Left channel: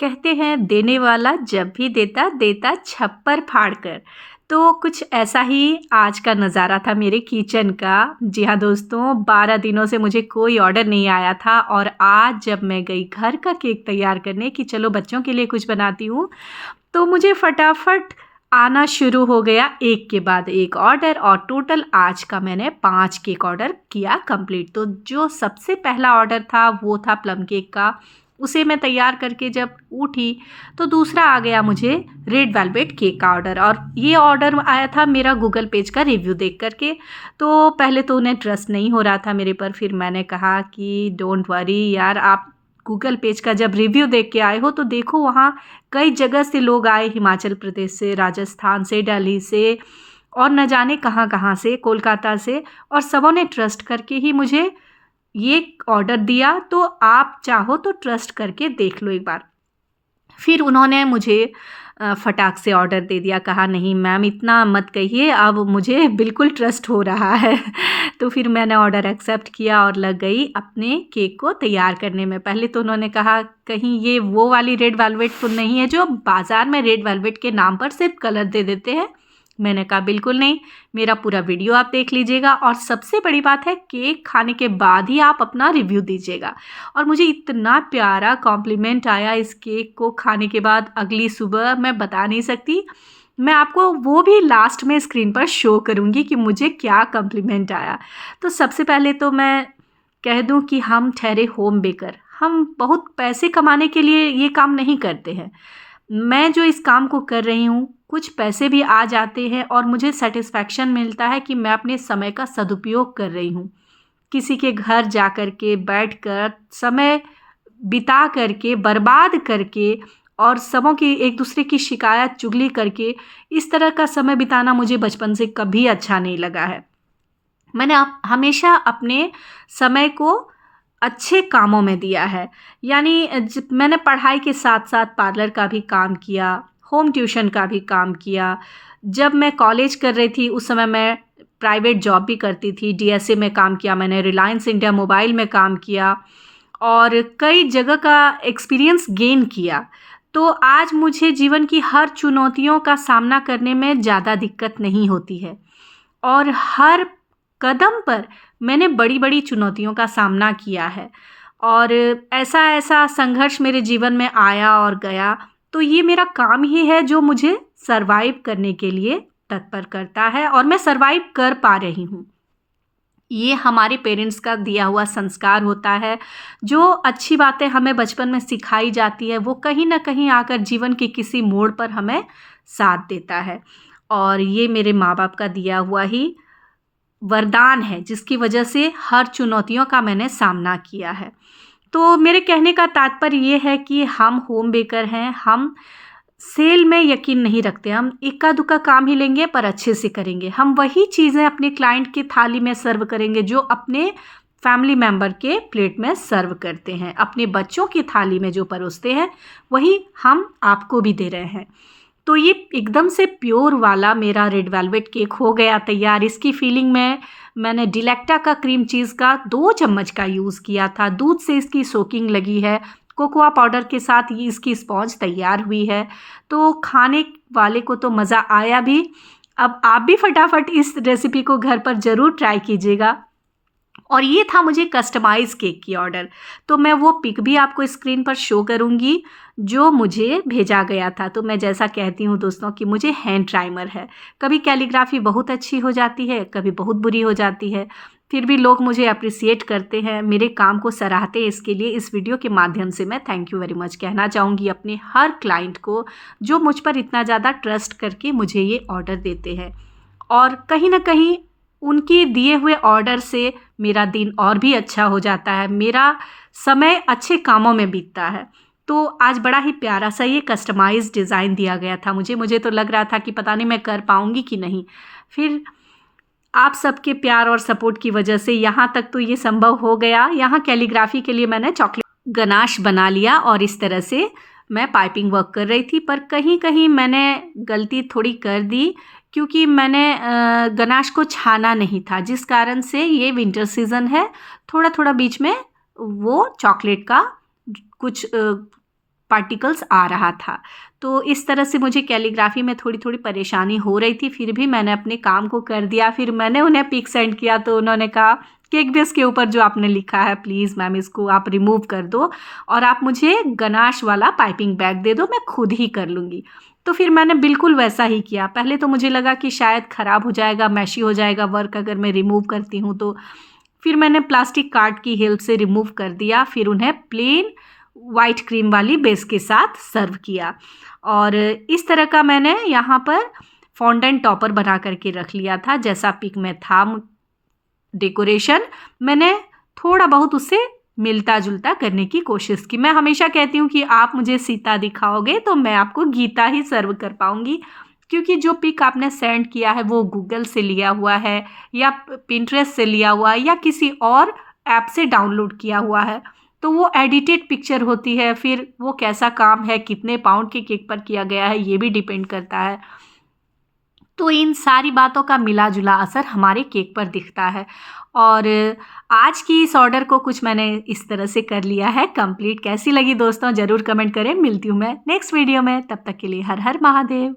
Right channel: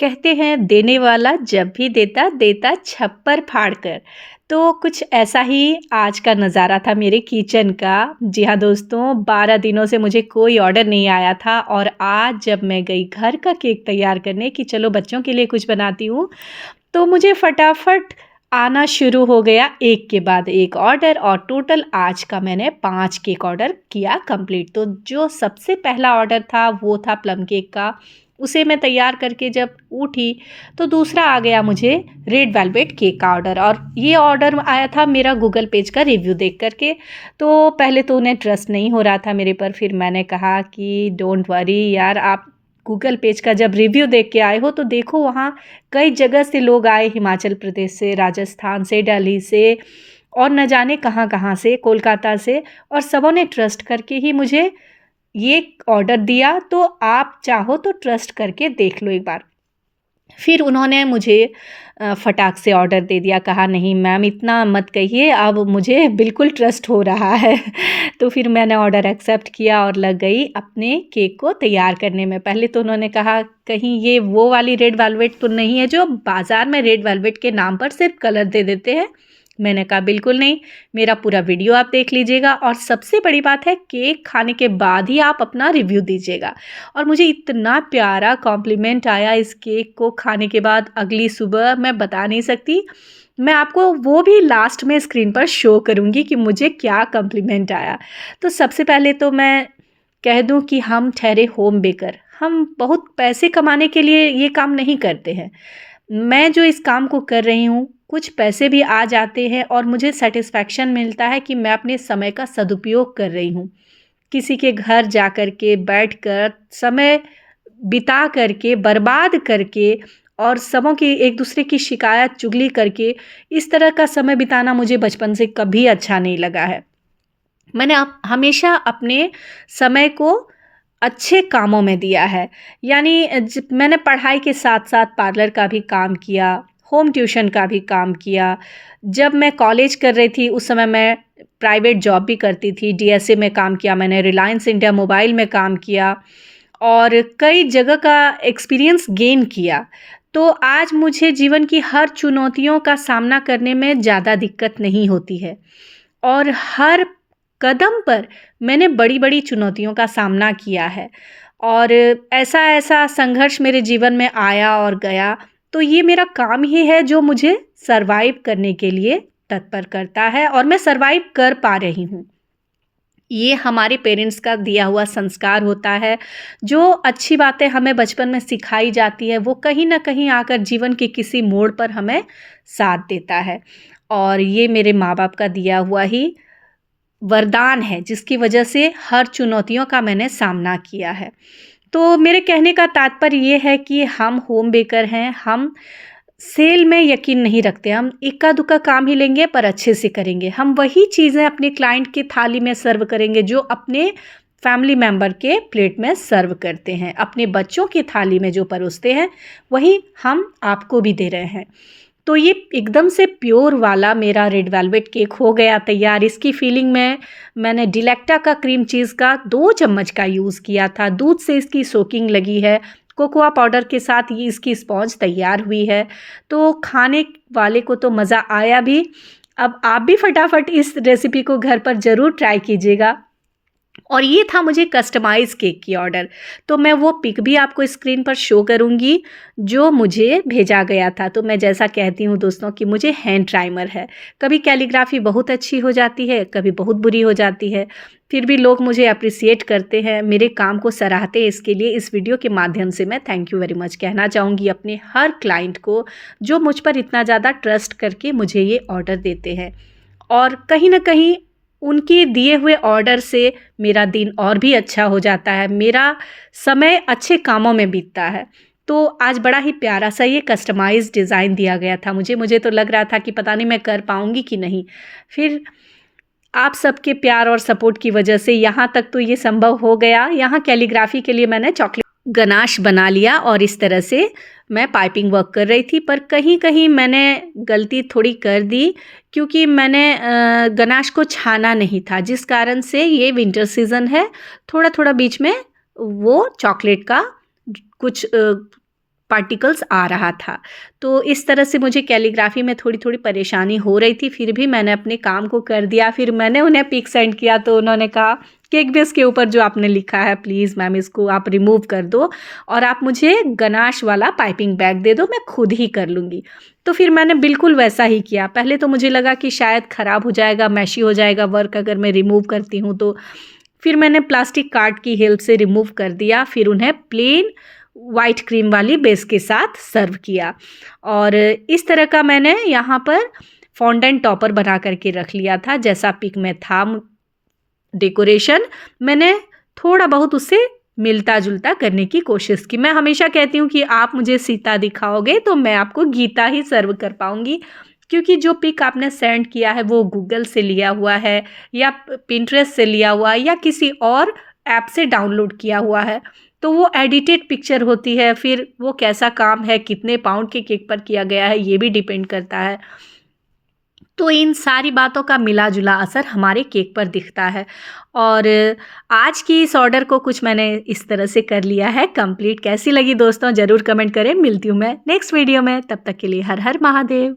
कहते हैं देने वाला जब भी देता देता छप्पर फाड़ कर। तो कुछ ऐसा ही आज का नज़ारा था मेरे किचन का। जी हाँ दोस्तों, 12 दिनों से मुझे कोई ऑर्डर नहीं आया था और आज जब मैं गई घर का केक तैयार करने कि चलो बच्चों के लिए कुछ बनाती हूँ, तो मुझे फटाफट आना शुरू हो गया एक के बाद एक ऑर्डर और टोटल आज का मैंने 5 केक ऑर्डर किया कंप्लीट। तो जो सबसे पहला ऑर्डर था वो था प्लम केक का। उसे मैं तैयार करके जब उठी तो दूसरा आ गया मुझे रेड वेलवेट केक का ऑर्डर, और ये ऑर्डर आया था मेरा गूगल पेज का रिव्यू देख करके। तो पहले तो उन्हें ट्रस्ट नहीं हो रहा था मेरे पर, फिर मैंने कहा कि डोंट वरी यार, आप गूगल पेज का जब रिव्यू देख के आए हो तो देखो वहाँ कई जगह से लोग आए, हिमाचल प्रदेश से, राजस्थान से, दिल्ली से और न जाने कहाँ कहाँ से, कोलकाता से, और सबों ने ट्रस्ट करके ही मुझे ये ऑर्डर दिया। तो आप चाहो तो ट्रस्ट करके देख लो एक बार। फिर उन्होंने मुझे फटाक से ऑर्डर दे दिया, कहा नहीं मैम इतना मत कहिए, अब मुझे बिल्कुल ट्रस्ट हो रहा है। तो फिर मैंने ऑर्डर एक्सेप्ट किया और लग गई अपने केक को तैयार करने में। पहले तो उन्होंने कहा कहीं ये वो वाली रेड वेलवेट तो नहीं है जो बाज़ार में रेड वेलवेट के नाम पर सिर्फ कलर दे देते हैं। मैंने कहा बिल्कुल नहीं, मेरा पूरा वीडियो आप देख लीजिएगा और सबसे बड़ी बात है केक खाने के बाद ही आप अपना रिव्यू दीजिएगा। और मुझे इतना प्यारा कॉम्प्लीमेंट आया इस केक को खाने के बाद अगली सुबह, मैं बता नहीं सकती। मैं आपको वो भी लास्ट में स्क्रीन पर शो करूँगी कि मुझे क्या कॉम्प्लीमेंट आया। तो सबसे पहले तो मैं कह दूँ कि हम ठहरे होम बेकर, हम बहुत पैसे कमाने के लिए ये काम नहीं करते हैं। मैं जो इस काम को कर रही हूँ, कुछ पैसे भी आ जाते हैं और मुझे सेटिस्फैक्शन मिलता है कि मैं अपने समय का सदुपयोग कर रही हूँ। किसी के घर जा कर के बैठकर समय बिता करके, बर्बाद करके और सबों की एक दूसरे की शिकायत चुगली करके इस तरह का समय बिताना मुझे बचपन से कभी अच्छा नहीं लगा है। मैंने हमेशा अपने समय को अच्छे कामों में दिया है। यानी मैंने पढ़ाई के साथ साथ पार्लर का भी काम किया, होम ट्यूशन का भी काम किया। जब मैं कॉलेज कर रही थी उस समय मैं प्राइवेट जॉब भी करती थी, डीएसए में काम किया मैंने, रिलायंस इंडिया मोबाइल में काम किया और कई जगह का एक्सपीरियंस गेन किया। तो आज मुझे जीवन की हर चुनौतियों का सामना करने में ज़्यादा दिक्कत नहीं होती है और हर कदम पर मैंने बड़ी-बड़ी चुनौतियों का सामना किया है और ऐसा-ऐसा संघर्ष मेरे जीवन में आया और गया। तो ये मेरा काम ही है जो मुझे सर्वाइव करने के लिए तत्पर करता है और मैं सर्वाइव कर पा रही हूँ। ये हमारे पेरेंट्स का दिया हुआ संस्कार होता है। जो अच्छी बातें हमें बचपन में सिखाई जाती है वो कहीं न कहीं आकर जीवन के किसी मोड़ पर हमें साथ देता है। और ये मेरे माँ-बाप का दिया हुआ ही वरदान है जिसकी वजह से हर चुनौतियों का मैंने सामना किया है। तो मेरे कहने का तात्पर्य ये है कि हम होम बेकर हैं, हम सेल में यकीन नहीं रखते, हम इक्का-दुक्का काम ही लेंगे पर अच्छे से करेंगे। हम वही चीज़ें अपने क्लाइंट की थाली में सर्व करेंगे जो अपने फैमिली मेंबर के प्लेट में सर्व करते हैं। अपने बच्चों की थाली में जो परोसते हैं, वही हम आपको भी दे रहे हैं। तो ये एकदम से प्योर वाला मेरा रेड वेलवेट केक हो गया तैयार। इसकी फिलिंग में मैंने डिलेक्टा का क्रीम चीज़ का 2 चम्मच का यूज़ किया था। दूध से इसकी सोकिंग लगी है। कोकोआ पाउडर के साथ ये इसकी स्पॉन्ज तैयार हुई है। तो खाने वाले को तो मज़ा आया भी। अब आप भी फटाफट इस रेसिपी को घर पर ज़रूर ट्राई कीजिएगा। और ये था मुझे कस्टमाइज़ केक की ऑर्डर। तो मैं वो पिक भी आपको स्क्रीन पर शो करूँगी जो मुझे भेजा गया था। तो मैं जैसा कहती हूँ दोस्तों कि मुझे हैंड टाइमर है। कभी कैलीग्राफी बहुत अच्छी हो जाती है, कभी बहुत बुरी हो जाती है। फिर भी लोग मुझे एप्रिशिएट करते हैं, मेरे काम को सराहते हैं। इसके लिए इस वीडियो के माध्यम से मैं थैंक यू वेरी मच कहना चाहूँगी अपने हर क्लाइंट को जो मुझ पर इतना ज़्यादा ट्रस्ट करके मुझे ये ऑर्डर देते हैं। और कहीं न कहीं उनके दिए हुए ऑर्डर से मेरा दिन और भी अच्छा हो जाता है, मेरा समय अच्छे कामों में बीतता है। तो आज बड़ा ही प्यारा सा ये कस्टमाइज़्ड डिज़ाइन दिया गया था मुझे तो लग रहा था कि पता नहीं मैं कर पाऊँगी कि नहीं। फिर आप सबके प्यार और सपोर्ट की वजह से यहाँ तक तो ये संभव हो गया। यहाँ कैलीग्राफी के लिए मैंने चॉकलेट गनाश बना लिया और इस तरह से मैं पाइपिंग वर्क कर रही थी, पर कहीं-कहीं मैंने गलती थोड़ी कर दी क्योंकि मैंने गनाश को छाना नहीं था, जिस कारण से ये विंटर सीज़न है, थोड़ा-थोड़ा बीच में वो चॉकलेट का कुछ पार्टिकल्स आ रहा था। तो इस तरह से मुझे कैलीग्राफी में थोड़ी थोड़ी परेशानी हो रही थी, फिर भी मैंने अपने काम को कर दिया। फिर मैंने उन्हें पिक सेंड किया तो उन्होंने कहा कि एक बेस के ऊपर जो आपने लिखा है प्लीज़ मैम इसको आप रिमूव कर दो और आप मुझे गनाश वाला पाइपिंग बैग दे दो, मैं खुद ही कर लूँगी। तो फिर मैंने बिल्कुल वैसा ही किया। पहले तो मुझे लगा कि शायद ख़राब हो जाएगा, मैशी हो जाएगा वर्क अगर मैं रिमूव करती हूँ तो। फिर मैंने प्लास्टिक कार्ड की हेल्प से रिमूव कर दिया, फिर उन्हें प्लेन वाइट क्रीम वाली बेस के साथ सर्व किया। और इस तरह का मैंने यहाँ पर फॉन्डेंट टॉपर बना करके रख लिया था। जैसा पिक में था डेकोरेशन, मैंने थोड़ा बहुत उससे मिलता जुलता करने की कोशिश की। मैं हमेशा कहती हूँ कि आप मुझे सीता दिखाओगे तो मैं आपको गीता ही सर्व कर पाऊँगी, क्योंकि जो पिक आपने सेंड किया है वो गूगल से लिया हुआ है या पिंटरेस्ट से लिया हुआ है या किसी और ऐप से डाउनलोड किया हुआ है। तो वो एडिटेड पिक्चर होती है, फिर वो कैसा काम है, कितने पाउंड के केक पर किया गया है, ये भी डिपेंड करता है। तो इन सारी बातों का मिला जुला असर हमारे केक पर दिखता है। और आज की इस ऑर्डर को कुछ मैंने इस तरह से कर लिया है कंप्लीट। कैसी लगी दोस्तों ज़रूर कमेंट करें। मिलती हूँ मैं नेक्स्ट वीडियो में, तब तक के लिए हर हर महादेव।